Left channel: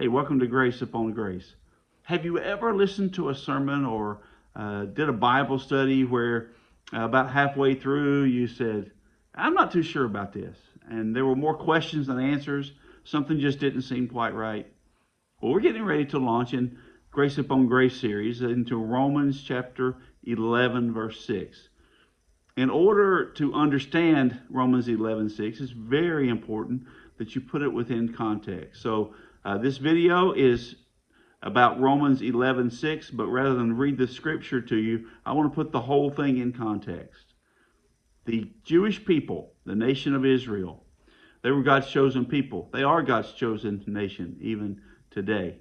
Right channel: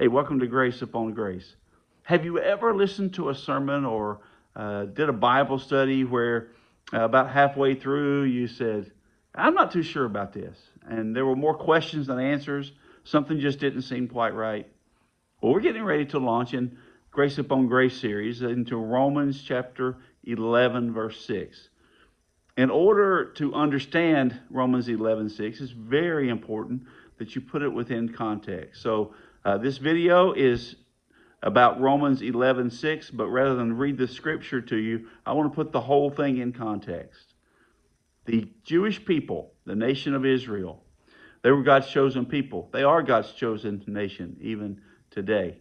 Hey, welcome to Grace Upon Grace. Have you ever listened to a sermon or did a Bible study where about halfway through you said, I'm not too sure about this, and there were more questions than answers? Something just didn't seem quite right. Well, we're getting ready to launch in Grace Upon Grace series into Romans chapter 11, verse 6. In order to understand Romans 11:6, it's very important that you put it within context. So this video is about Romans 11:6, but rather than read the scripture to you, I want to put the whole thing in context. The Jewish people, the nation of Israel, they were God's chosen people. They are God's chosen nation even today.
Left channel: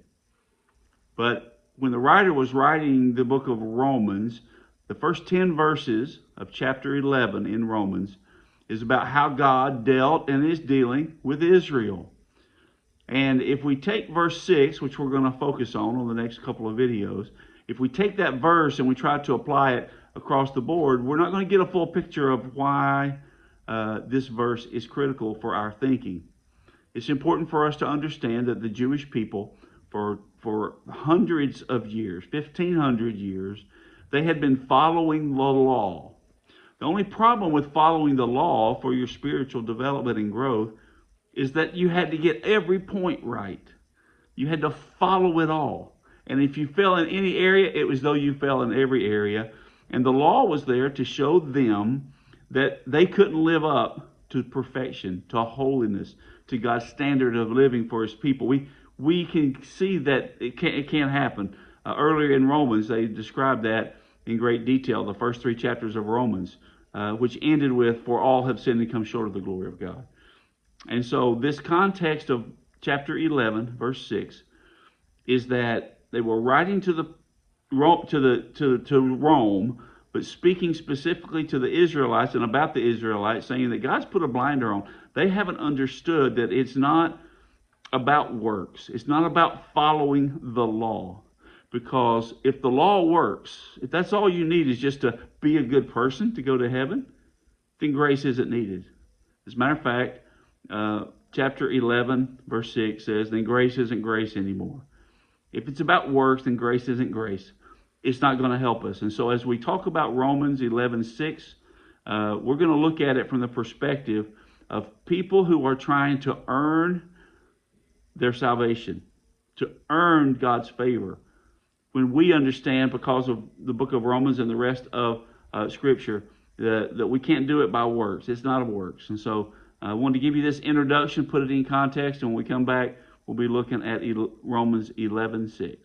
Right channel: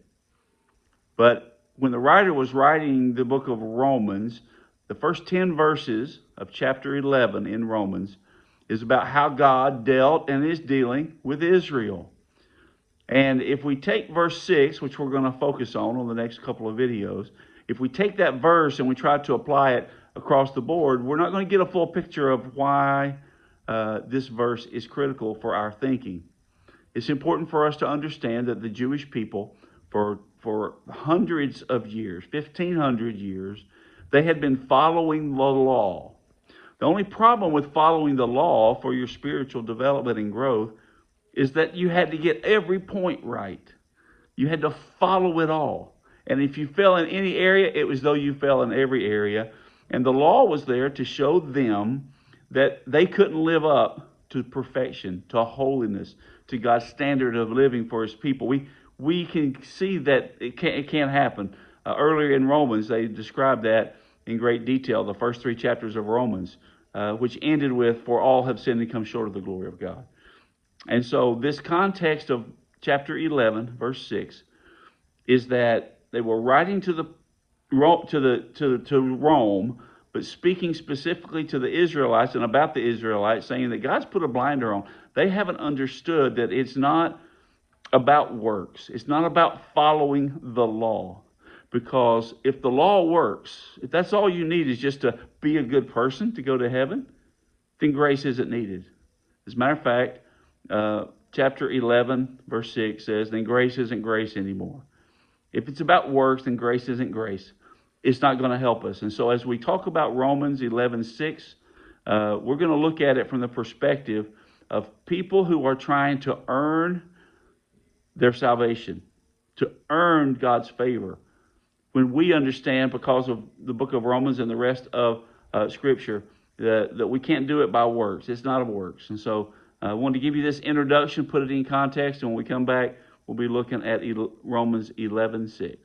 But when the writer was writing the book of Romans, the first 10 verses of chapter 11 in Romans is about how God dealt and is dealing with Israel. And if we take verse 6, which we're going to focus on the next couple of videos, if we take that verse and we try to apply it across the board, we're not going to get a full picture of why this verse is critical for our thinking. It's important for us to understand that the Jewish people, for hundreds of years, 1,500 years, they had been following the law. The only problem with following the law for your spiritual development and growth is that you had to get every point right. You had to follow it all. And if you fell in any area, it was though you fell in every area. And the law was there to show them that they couldn't live up to perfection, to holiness, to God's standard of living for his people. We can see that it can't happen. Earlier in Romans, they described that in great detail, the first 3 chapters of Romans, which ended with, for all have sinned and come short of the glory of God. And so this context of chapter 11, verse 6, is that they were writing to Rome, but speaking specifically to the Israelites and about the Israelites, saying that God's put a blinder on. They haven't understood that it's not about works. It's not about following the law. Because if the law works, if that's all you need is just to be a good person to go to heaven, then grace isn't needed. As a matter of fact, chapter 11, verse 6 says, then grace isn't grace anymore. If it's about works, then grace isn't grace. It's not going to help us. And so as we talk about Romans 11:6, we're going to look at it from the perspective of people who are trying to earn their salvation, to earn God's favor. When we understand, because of the book of Romans and the rest of Scripture, that we can't do it by works. It's not of works. And so I wanted to give you this introduction, put it in context, and when we come back, we'll be looking at Romans 11:6.